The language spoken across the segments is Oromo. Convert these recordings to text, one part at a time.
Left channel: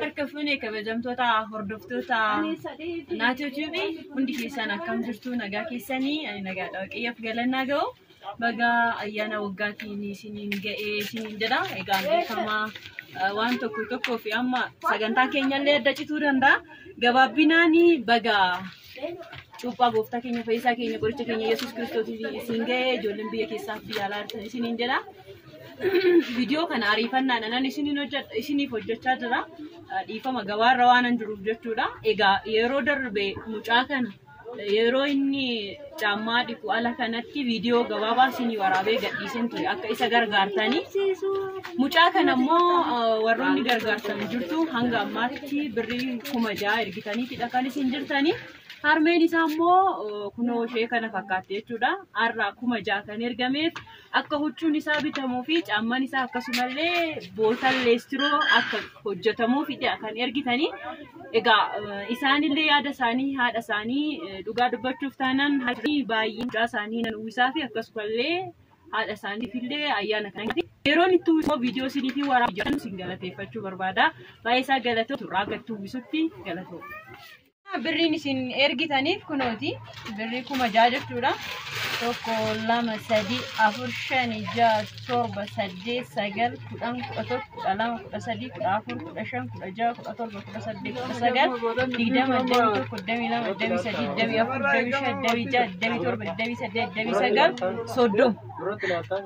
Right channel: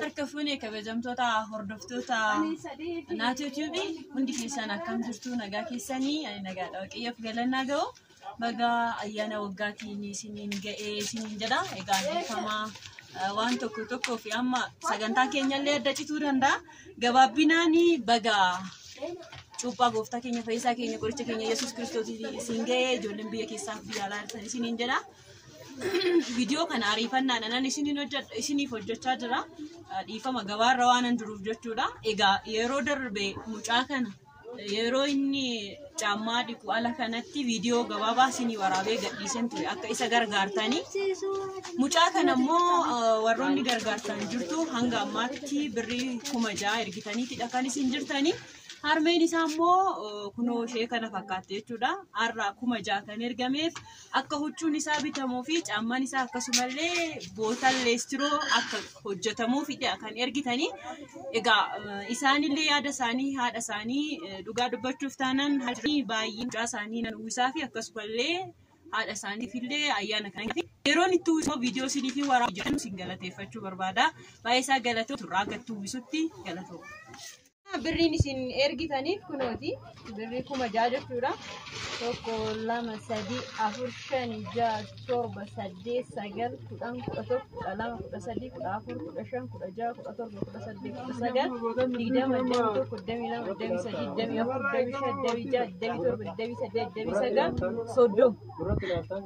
Harkafune kabajamtoota hordoftoota naatoo TV hundi keessan akkam jirtu nagaa keessanii ani nagaadha waaqayyoof galannaa ga'u baga ayyaana waggaatiin isiniin ga'ee isiniin jedha egaa beekamaa waan tokko fi amma sagantaa keenyallee adda cituu danda'a gabaabbinaani baga cuuphaa gooftaa keenya fayyisaa keenya qoricha keenya Yesuus Kiristoosiif isin ga'ee ijoolleen biyya keessaa fi alaa jirtan isiniin jedha. Video kana ariifannaadhaan isiniif hojjechaa jira. Dhiifama gabaarra waan jiruuf jechuudha. Egaa yeroo darbe mucaa kana yeroo inni caammaa dhiqu ala kanatti video gabaabaa isinii waraabee gadhiiseen ture akka isa gargaartanii. Mucaa kana immoo warroonni gargaartan jirtu hanga ammaatti birrii 6,000 ergitaniitidha kan isin jirtanii. Harmeen isaa immoo kunoo ishee kana fakkaatti jechuudha. Har'a 6,000 kan ergameef akka huccuun isaa bitamuu fi caammaan isaa akkasumallee bootaan leestiroo akka hojjetamuufidha kan ergitanii. Egaa isaanillee yaada isaanii haadha isaanii dhugaa dubbachuuf taanaan haalli baay'ee mucaa isaanii nan uwwisaa fi akkasumallee haadha isaaniifillee ayyaana kana yeroon itti uwwisoo viidiyoo isiniif waraabaa isin galateeffachuu barbaada. Baay'ee isaa galatoo turraa gatti uwwisutti galatoo. Birriin isin ergitaniif kunooti birrii 6,000 jechuudha. 1 2 3 4 5 6 7 8 9 10 11 12 13 14 15 16 17 18 19 20 30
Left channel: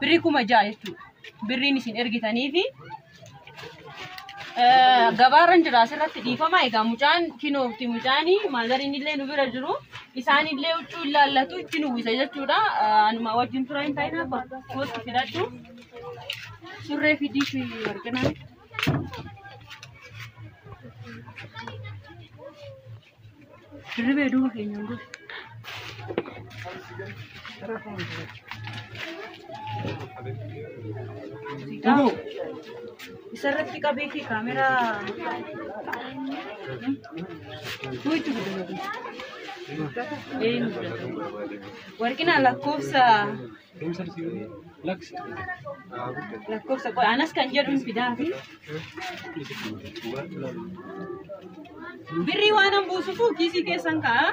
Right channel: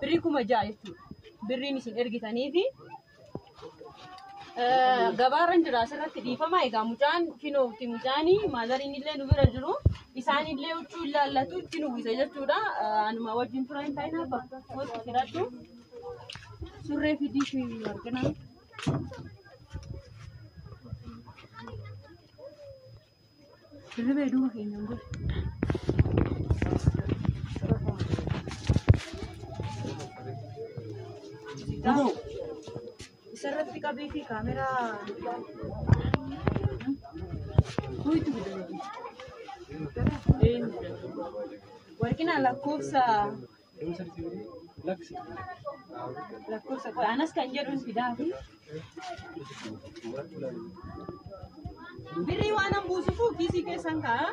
birrii 6,000 jechuudha. Birriin isin ergitaniifi gabaarran jira asirratti dhiifama egaa mucaan kinoofti mucaanii maazariin illee nu bira jiru isaan illee huccuu ilaallatu itti nu uwwisa jechuudha. Anuma wajjin tura hin taa'in abba kootti fidadhu surree fidii fi arginaan dirribee duuba keenyaan gosa. Isarratti qabee fi kaameraa warqina lakkoofsa anas kan jedhu fidaa fi birrii waan an buusufu kiisii keessan ka'a.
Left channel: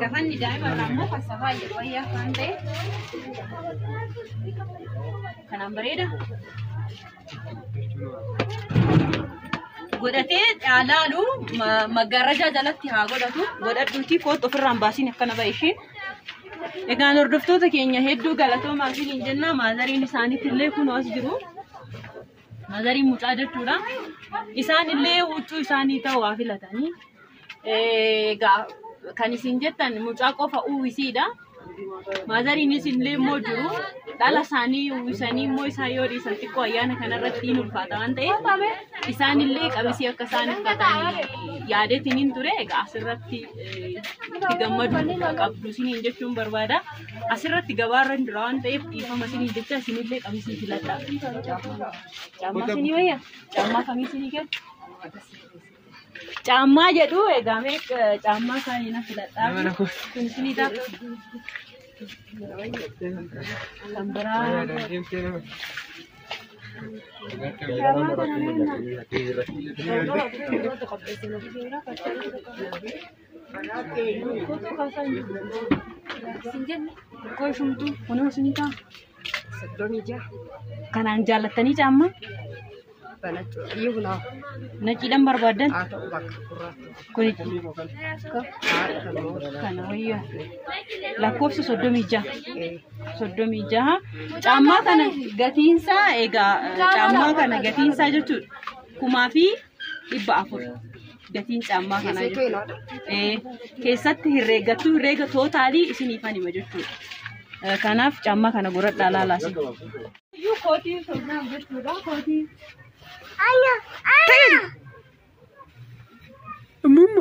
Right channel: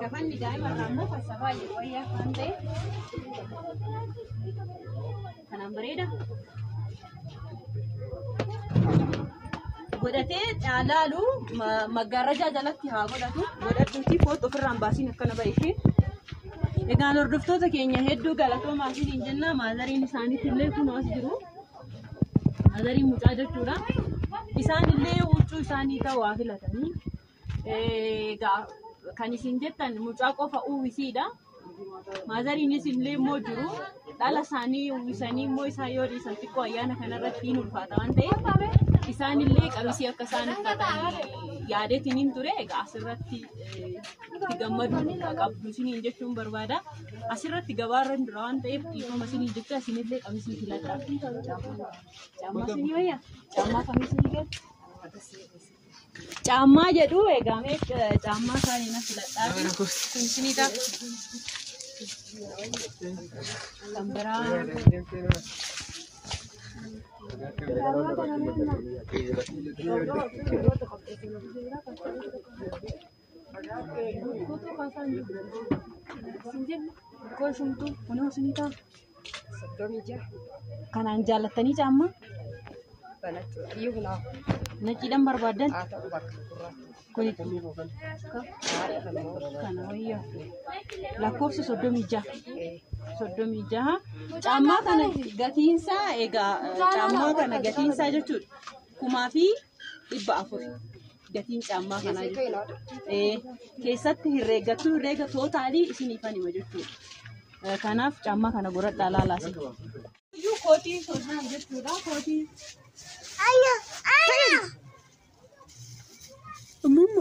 Kafanni daa'ima ammoo fassafaa fayyaa kan ta'e kanaan bareeda godhatee dhaalaalu maggaarrajaa jalatti haa godhadhuuti foot ofirraan baasiin akkana ba'e. Egaan hordoftoota keenya hedduu galatoomaa fi hin jenna. Maazariin isaaniitillee kun as jiru. Maazariin mucaa jechuudha. Isaanillee huccuu isaanii ta'uu waa filatanii. Kan isin jettan mucaa qofa uwwisiidha. Maazariin isinillee immoo jiru. Dhala isaanii uwwisanii immoo isaan yoo dhiisan xiqqoo ayyaana kanarratti hin ulfaata waan ta'eef isaanillee qabisii akka isaan uffatan yaadeetiin hin ture. Egaa asirratti itti gammadu qabdu isiniin jechuun barbaada. Asirratti gabaarra hin jira waan ta'eef dhiifama isiniin jecha isinillee qabisii filadha. Caammaa isinii wayya? Caammaa kamii isinii galchu? Caammaa jedhu egaa mee caammaa isaanii na filadhaa. Kun isinii ta'a. Kan biraa. Kanaan jaallattanii caammaa? Naciidhaan barbaadan? Kuni kana wayyaa lakkoofsa 36 caammaa kana gatiinsaa egaa caammaa kana gatiinsaa jechuudha 1,400 gatiin caammaa kana keessatti herreegattu herreega tootaalii isiniifan hima jechuudha. Kanaaf caammaa kana godhadhaa laalaasi. Kootii soodaan jechuudha kootii.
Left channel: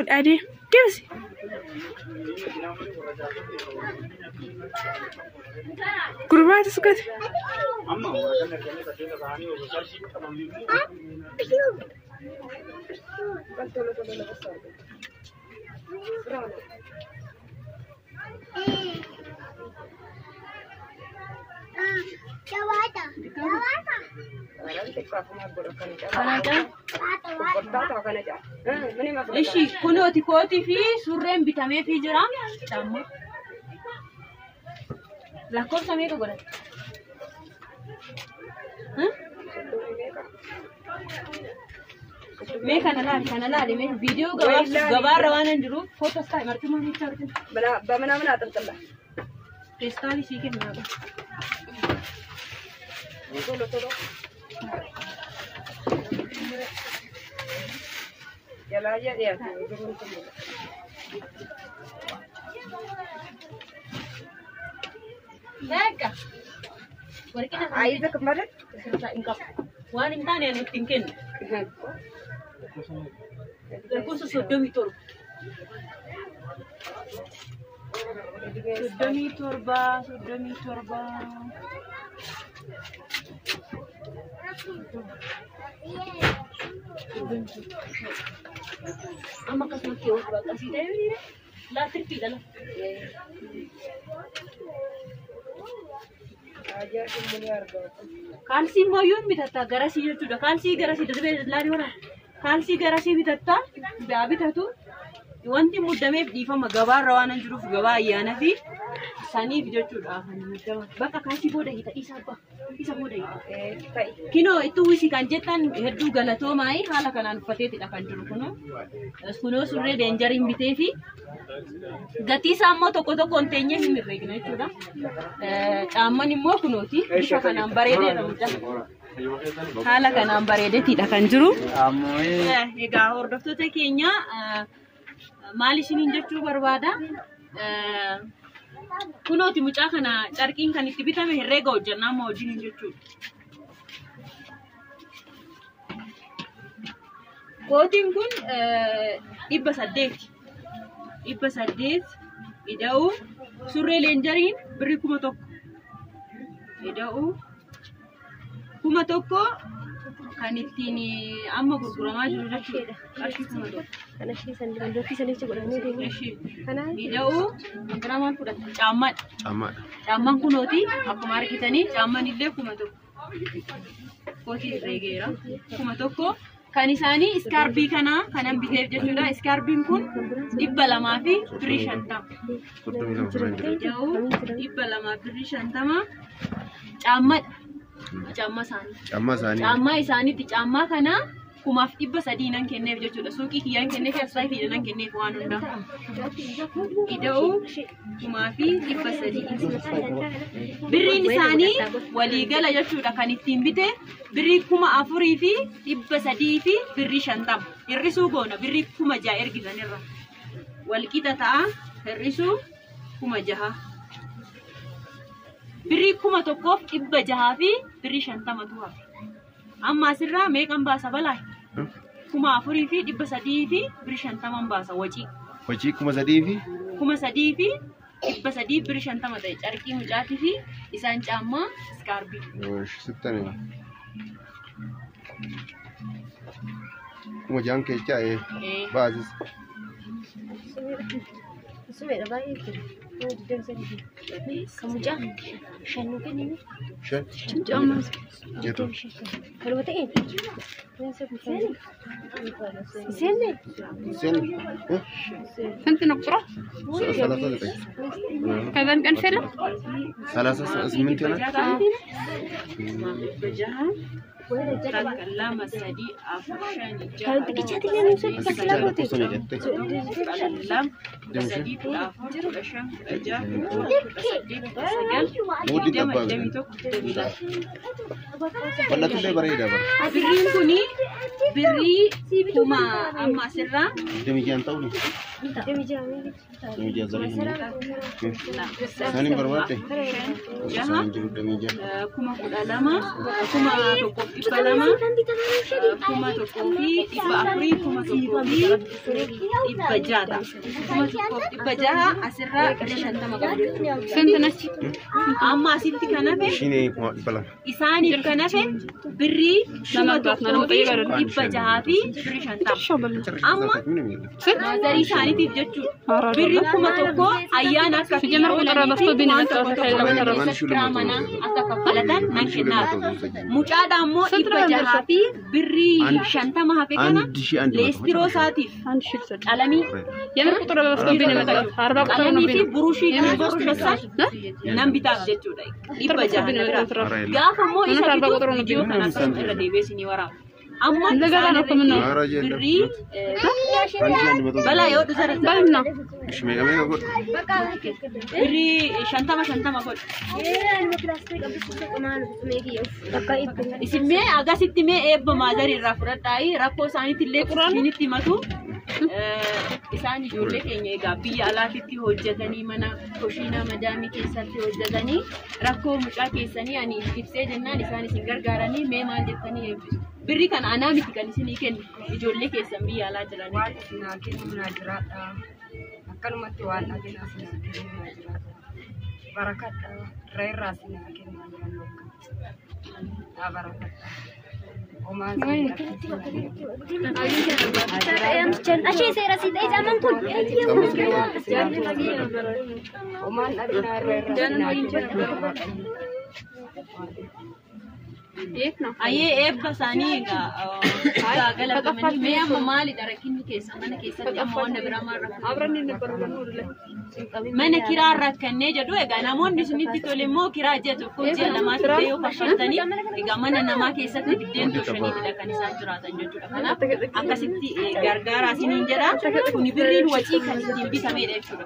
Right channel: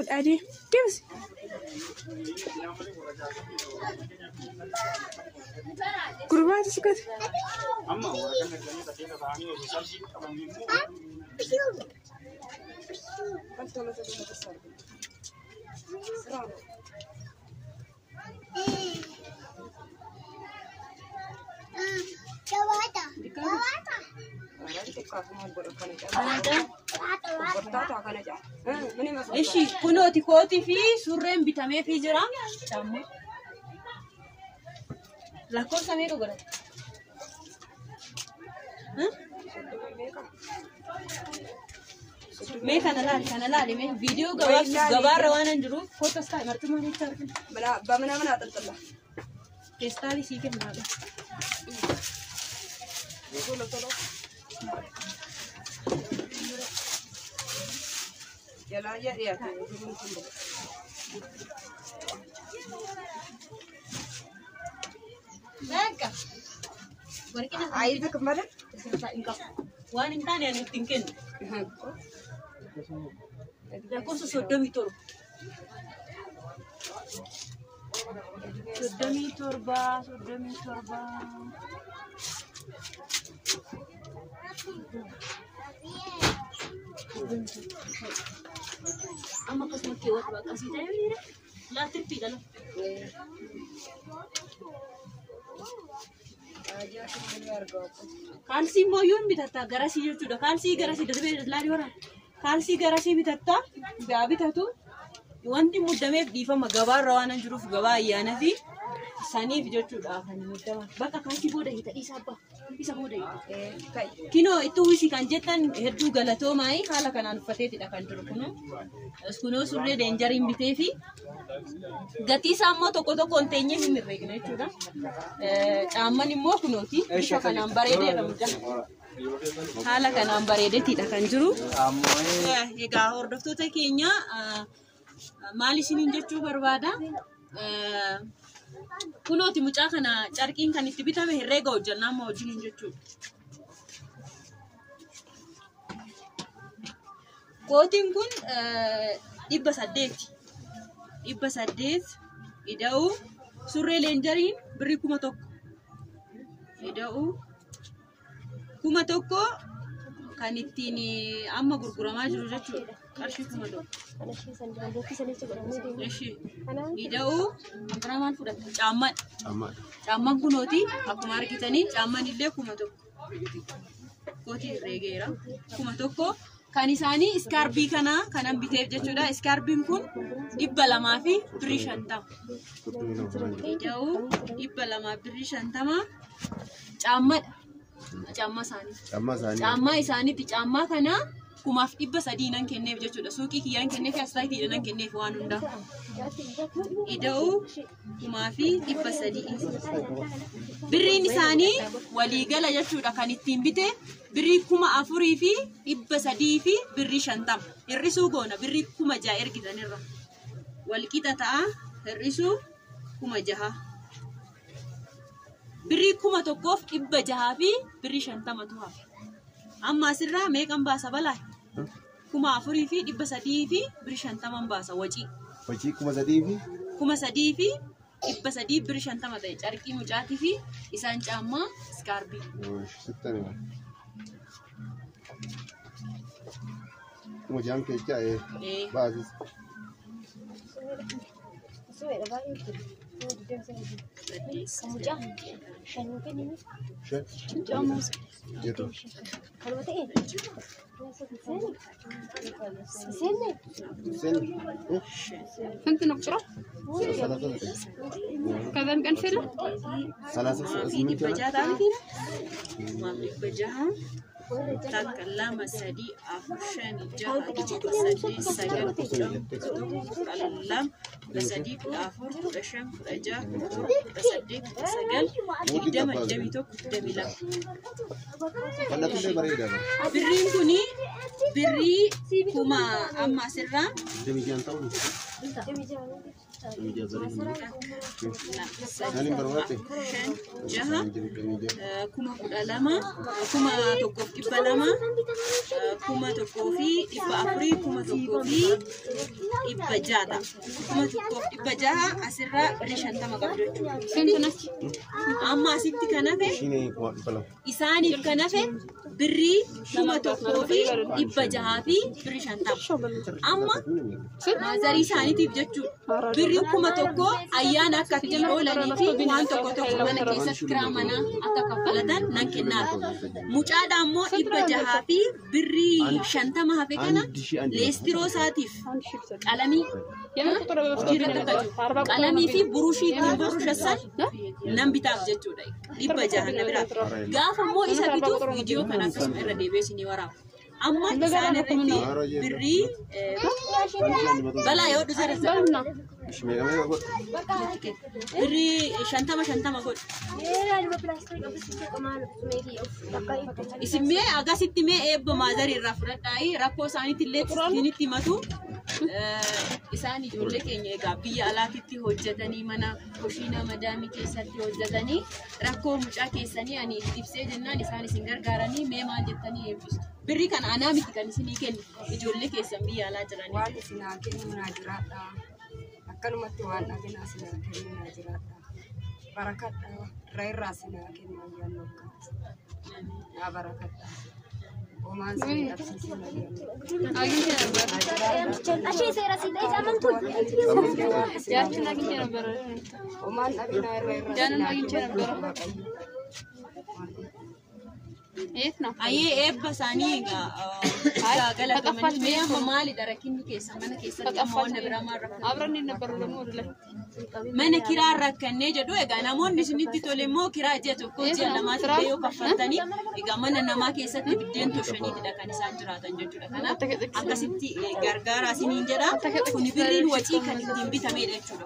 أدي كيف كربات سكت إيشي كنوتي كوتي في سورين بتامي في جرام تمام لا كور سمير وقرأ ميك أنا لا ميك فيديو جوار روانا ندرو فوتو ستاي مرتين ما نيجي بلا بمنا منا تنتلا كريستالي سيكل مرة طولو يلا يا هيك عايزك مرة وأنا إنتاني أنا تنكين لكن سودمي تربة سودمي تربة أما قسمة كيوت بقى سيدا لا تربي لا Kalsi mau yun bitata garasi jechu da kalsi garasi dudbe lari wara kalsi garasi bitata da bitatu wanti muddame difa magabar rawanan juruf gaba yana fi sani jechu da kan mutama baka kalsi boda hita isa boda kino itu wisi kan jetan heddu galato mai hala kanan fateti da kan juru kuno surre danger imbite fi gati sammo tokko kontenye mi regna jechuudha amman immoo kunooti bifa kanaan bareedeedha haala kanaan bareedeetidha kan jiru egaa hordoftoota keenya maal isiniin jechuu barbaada kunooti mucaa kana carqiin kan itti bitame herreega hojjannaa amma hojiin jechuudha kootiin kun 800 ida'u surree leenjariin birri 1,000 ida'u 1,000 kan ittiin amma gurguramaa jiru jechuudha qarshii 1,000 kana shi san dandooti sanitti godhamee deemu ida'u giramaan fudhata caammaan kunooti akkuma argitanii caammaan illee 1,000 kootii reegeera 1,000 kan isaanii iskarbii kana kanan biteef jechuudha iskarbiin kun 200 fi birrii 50 ida'u 200 birrii 50 caammadha caammaa isaaniitti caammaa kana 300 nan kenneef jechuudha suuqii kiyyaan kenneef asxaatii nan kenneef waan hundaa ida'u 300 birriin isaanii waliigala jechuudha kan ittiin bite birrii 4,000 fi 300 fi birrii 50 hir'isuu goona birrii 6,000 ergitanirra walqixa ta'a hir'isuu 6,000 birrii 1,600 fi birrii 50 tu'a amma asirraa meeqan baasa balaa 4,000 fi 300 fi birrii 50 baasa wajii 3,000 fi 3,000 fi 300 birrii 50 ta'e carqii mucaatii fi isaan caammaa iskarbii kuma jaan keechaa baasis kamu jangan shanu kan ini shan caammaa jeetu kalau betul sini sen سنت نقرأ كذا كان فيلم 38 بجها تكلم سدي أفشان kalau dikicati dia nusuk pasal apa tu تكلم سدي أفشان بشم بجها سدي سجل دم دميتك دميلا wala tullee bareeda bar برين كوني بري كوما أما سرّا demikian ta'u Meja zari ini. Sani berapa? Jaha. Kuma kuda lama. Kuma toko ipa lama. Kuma toko fi ipa afri. Kuma toko fi ipa jata. Kuma toko ipa jaha asirra shanta makamu. سنتنتي Amma asitti kanafe. Sini balang. Isaaniif kanafe birrii kuma tokkoo fi dhibba jahaa fi birrii shantama. Amma maazarii isaaniitiif jechuudha. Birrii kuma tokkoo ayyaana akka fiiloolanii fi waan tokko tokko mana keessatti kiraa manaa akka kaffalatan nan kennaatu. Mucaadha immoo dhibba jahaa fi birrii shantama hafe kana leestiroo isaatiif qalamii يمر قطرة بفتوبين مثلا 4 qalamii fi burushii fi burushasan nan bitaaf jechuudha. Dhibba jahaa na biraa. Gaafa immoo isa bituuf viidiyoo kana akkasuma irra deebiisinii waraaba. Amma isaan birrii balaa yoo dhusara بالنا Mega mega god. birrii shantama godhu. Isin mee agasitti mee eebba maazarii irraa fudhadhaayi rakkoo isaaniitti illee qulqullinnitti himatu. Isaan ijoollee keenya egaa biyya alaatitti hojjetanii mana kushiina madaamii keessatti hojjetanii rakkoo mucaa keessanii ani ibsee jennaan isaan isin gargaaranii mee maal jettanii eebbistu. Birrii kana anaa miti kan isinii kennu ijoollee keessan biyya alaa jiranii. Waan isin haa kennu manaa jiraadha. Akkanumatti waan dhaginaa isin haa kennu manaa jiraadha. Barakadha. Irraa isin haa kennu manaa jiraadha. Haa barakadha. Omaa isin dhabsiisin Ashee seera si ta'e jaaman kun. Omaan dhabinaa irraa isin haa kennu. Ayyee eebba isaanii egaa galatamanii mee amma maalidha rakkinni keessa mana keessatti amma wanta biraa maal rakkatu mana kiraa rakkannee jedhu egaa namoonni isinitti tole immoo kiraa ji'a tokko ji'a lamaas illee yoo kaffaltanii egaa mana namaa keessatti biddeen toshaniitidha kan isaan jiraatan jechuudha. Kanaaf akkasitti gargaaraa isiniin jedha kuni birriin wacii kan ittiin bitamedha jechuudha.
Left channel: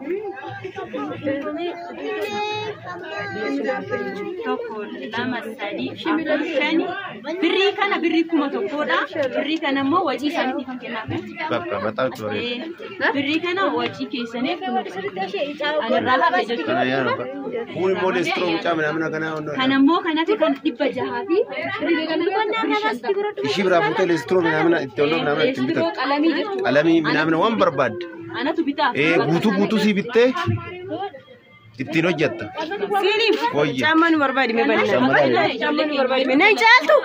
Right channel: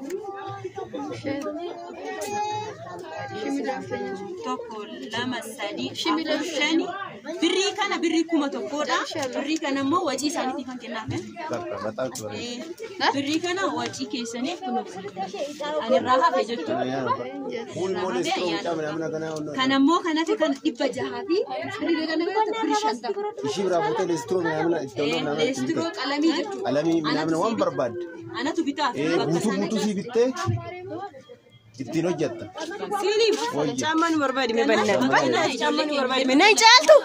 Tokko lama sadii afur shani birrii kana birrii kuma tokkodha. Birrii kana immoo wajii isaaniitii kan kennaaf. Bakka bataa ture. Birrii kana wajii keessaniif anirraa hafe jechuudha. Kana yaa kun molestro mucaa mana kana Kana immoo kanafi kan dhibba jahaa fi birrii kana birrii shantama. Ishi biraa fuutee lestro mana itti oloo mana itti Leestiroo bitaa. qalamii jechuudha. Qalamii mana waan barbaad. Anatu bitaaf. Guutuu si bittee ittiin hojjetta. Siiniif. Wayya. Caammaan barbaade mee bal'ina. Caammaan barbaade Mee naan caaltu.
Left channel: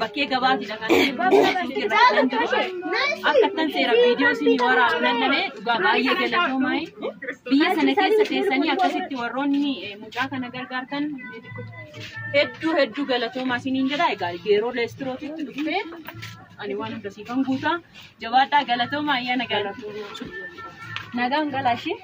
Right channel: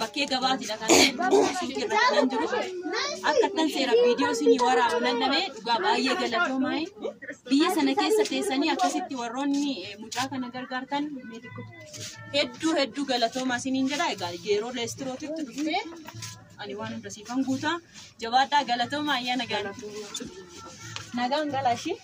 bakkee gabaatidha kan suuqii irra kan jiru. Akkatan seera viidiyoo isinii waraabu lallabee dhugaa baay'ee galatoomaa. Biyya sana keessa teessanii akkasitti warroonni mucaa kana gargaartan hedduu galatoomaa isiniin jedha. Egaa yeroo leestirootitti dhuftee ani waan hunda siifan guutaa jabaadhaa galatoomaa ayyaana galatoomaa. Nagaan galaashee.